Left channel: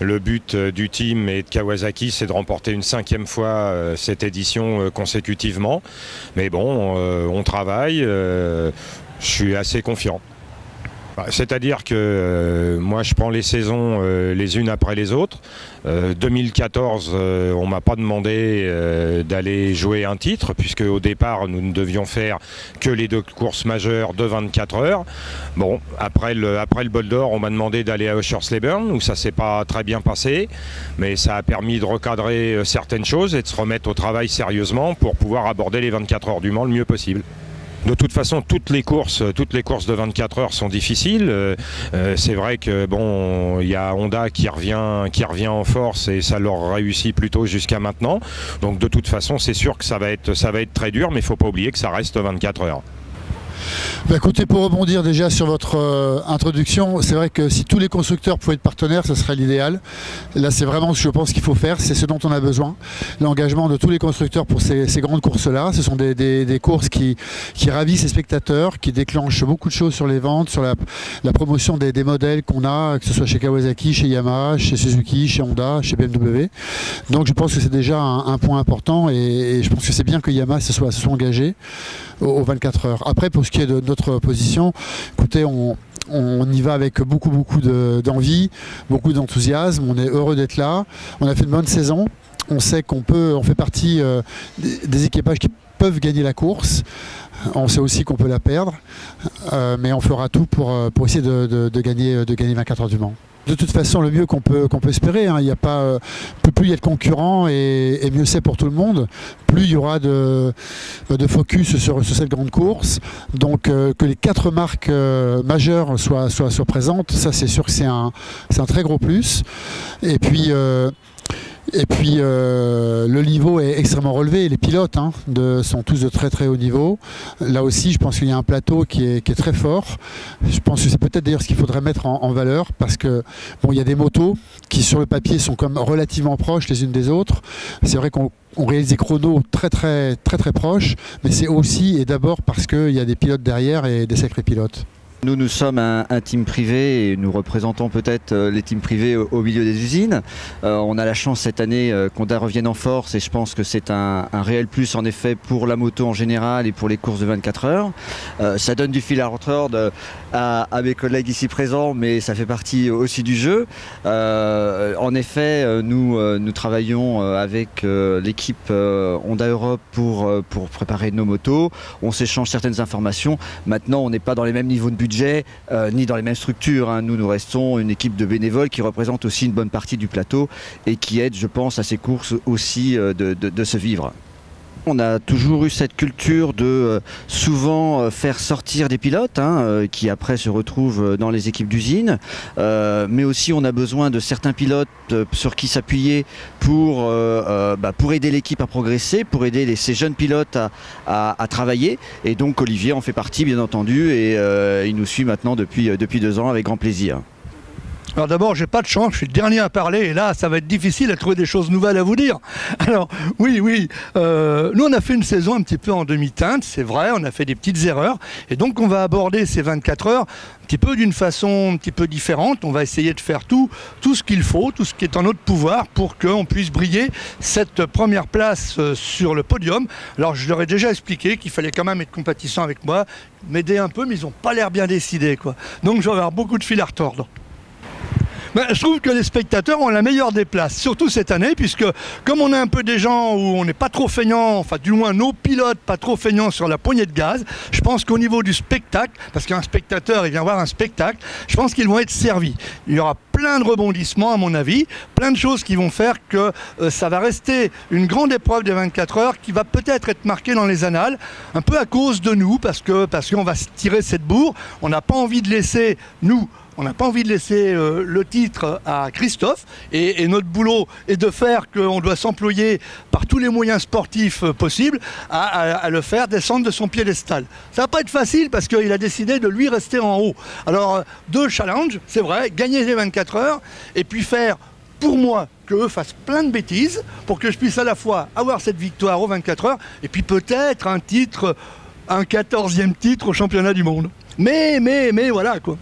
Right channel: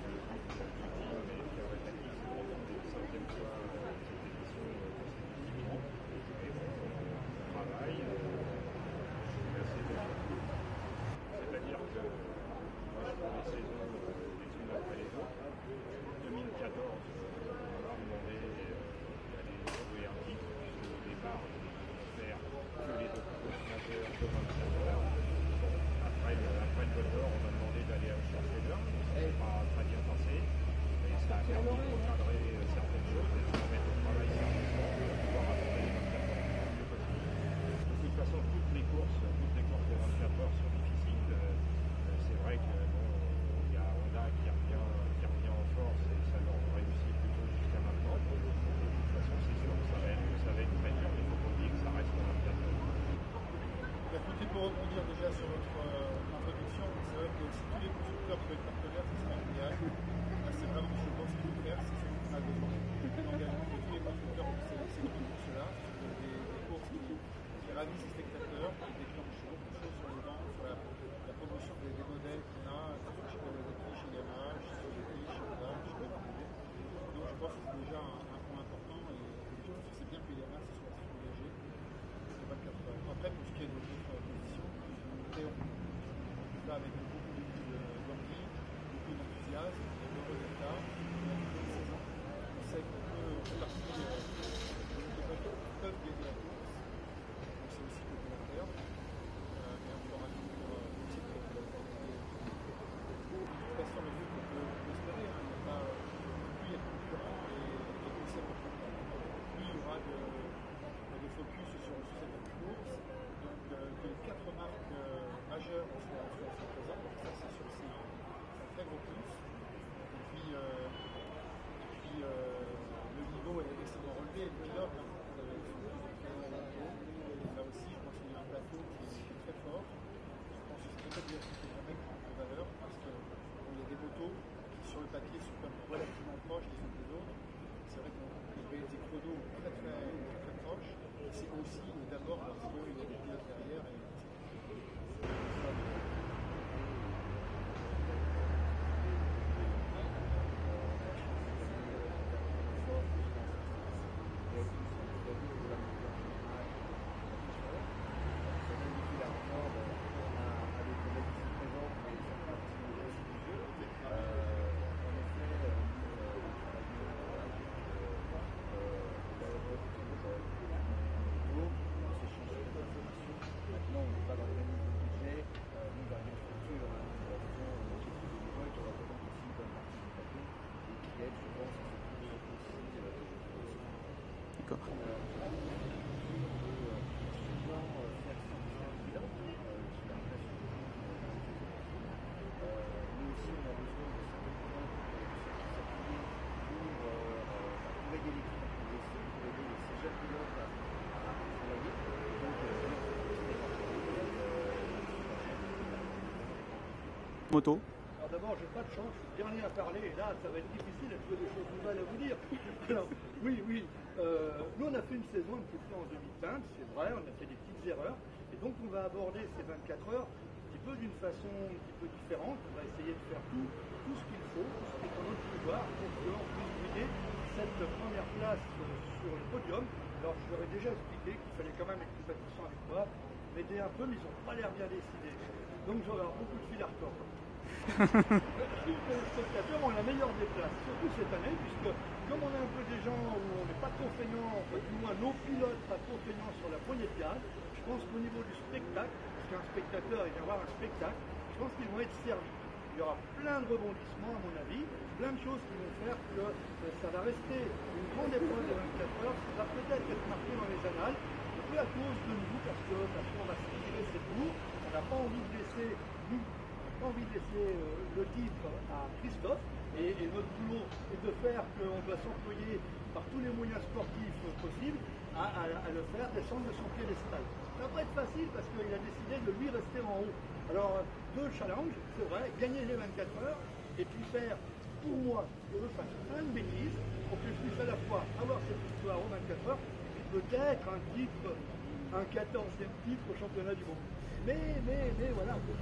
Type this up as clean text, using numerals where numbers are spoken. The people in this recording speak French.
Le but du team et de Kawasaki, c'est de remporter une 5e fois cette édition consécutivement. Mais bon, on travaille, je suis assez confiant. C'est-à-dire que moi je prends les saisons les unes après les autres. 2014, on ne m'a pas demandé d'aller jouer un titre, puisque au départ nous ne devions faire que les 2 courses majeures de 24 heures. Bon, après le bol d'or, on m'a demandé d'aller à Oschersleben, où ça ne s'est pas très bien passé, mais ça a permis de recadrer certaines choses et de se remettre au travail sérieusement pour pouvoir aborder les 24 heures du Mans le mieux possible. De toute façon, toutes les courses de 24 heures sont difficiles. C'est vrai que bon, il y a Honda qui revient en force et ça leur réussit plutôt jusqu'à maintenant. Donc de toute façon, c'est sûr que ça va être très dur, mais il ne faut pas oublier que ça reste 24 heures. Bah écoutez, pour rebondir déjà sur votre introduction, c'est vrai que si tous les constructeurs pouvaient être partenaires, ce serait l'idéal. Là, c'est vraiment ce que je pense qu'il faut faire, c'est ce dont on a besoin. L'engagement de tous les constructeurs pour ces grandes courses-là, ce sont des courses qui ravissent les spectateurs, qui déclenchent beaucoup de choses sur les ventes, sur la promotion des modèles qu'on a, que ce soit chez Kawasaki, chez Yamaha, chez Suzuki, chez Honda, chez BMW. Donc je pense que c'est déjà un point important et je pense que c'est bien que Yamaha se soit engagé aux 24 heures. Après, pour ce qui est de notre position, écoutez, on y va avec beaucoup d'envie, beaucoup d'enthousiasme. On est heureux d'être là. On a fait une bonne saison. On sait on fait partie des équipages qui peuvent gagner la course. On sait aussi qu'on peut la perdre, mais on fera tout pour essayer de gagner 24 heures du Mans. De toute façon, le mieux qu'on peut espérer, hein, y a pas, plus il y a de concurrents et mieux c'est pour tout le monde, plus il y aura de focus sur cette grande course. Donc que les 4 marques majeures soient présentes, ça c'est sûr que c'est un très gros plus. Et puis le niveau est extrêmement relevé. Les pilotes sont tous de très haut niveau. Là aussi, je pense qu'il y a un plateau qui est très fort. Je pense que c'est peut-être d'ailleurs ce qu'il faudrait mettre en valeur, parce que bon, il y a des motos qui sur le papier sont comme relativement proches les unes des autres. C'est vrai qu'on réalise des chronos très proches, mais c'est aussi et d'abord parce qu'il y a des pilotes derrière et des sacrés pilotes. Nous sommes un team privé et nous représentons peut-être les teams privés au milieu des usines. On a la chance cette année qu'Honda revienne en force et je pense que c'est un réel plus en effet pour la moto en général et pour les courses de 24 heures. Ça donne du fil à retordre à mes collègues ici présents, mais ça fait partie aussi du jeu. En effet, nous travaillons avec l'équipe Honda Europe pour préparer nos motos. On s'échange certaines informations. Maintenant, on n'est pas dans les mêmes niveaux de budget ni dans les mêmes structures. Nous restons une équipe de bénévoles qui représente aussi une bonne partie du plateau et qui aide, je pense, à ces courses aussi de se vivre. On a toujours eu cette culture de souvent faire sortir des pilotes qui après se retrouvent dans les équipes d'usine, mais aussi on a besoin de certains pilotes sur qui s'appuyer pour aider l'équipe à progresser, pour aider ces jeunes pilotes à travailler, et donc Olivier en fait partie bien entendu et il nous suit maintenant depuis 2 ans avec grand plaisir. Alors d'abord, j'ai pas de chance, je suis le dernier à parler et là, ça va être difficile à trouver des choses nouvelles à vous dire. Alors, oui, nous on a fait une saison un petit peu en demi-teinte, c'est vrai, on a fait des petites erreurs et donc on va aborder ces 24 heures un petit peu d'une façon un petit peu différente. On va essayer de faire tout ce qu'il faut, tout ce qui est en notre pouvoir pour qu'on puisse briller cette première place sur le podium. Alors je leur ai déjà expliqué qu'il fallait quand même être compatissant avec moi, m'aider un peu, mais ils n'ont pas l'air bien décidés, quoi. Donc je vais avoir beaucoup de fil à retordre. Je trouve que les spectateurs ont la meilleure des places, surtout cette année, puisque comme on a un peu des gens où on n'est pas trop feignant, enfin du moins nos pilotes pas trop feignants sur la poignée de gaz, je pense qu'au niveau du spectacle, parce qu'un spectateur il vient voir un spectacle, je pense qu'ils vont être servis. Il y aura plein de rebondissements à mon avis, plein de choses qui vont faire que ça va rester une grande épreuve des 24 heures qui va peut-être être marquée dans les annales, un peu à cause de nous, parce qu'on va se tirer cette bourre. On n'a pas envie de laisser, on n'a pas envie de laisser le titre à Christophe et notre boulot est de faire qu'on doit s'employer par tous les moyens sportifs possibles à le faire descendre de son piédestal. Ça va pas être facile parce qu'il a décidé de lui rester en haut. Alors 2 challenges, c'est vrai, gagner les 24 heures et puis faire pour moi qu'eux fassent plein de bêtises pour que je puisse à la fois avoir cette victoire aux 24 heures et puis peut-être un 14e titre au championnat du monde. Mais voilà quoi.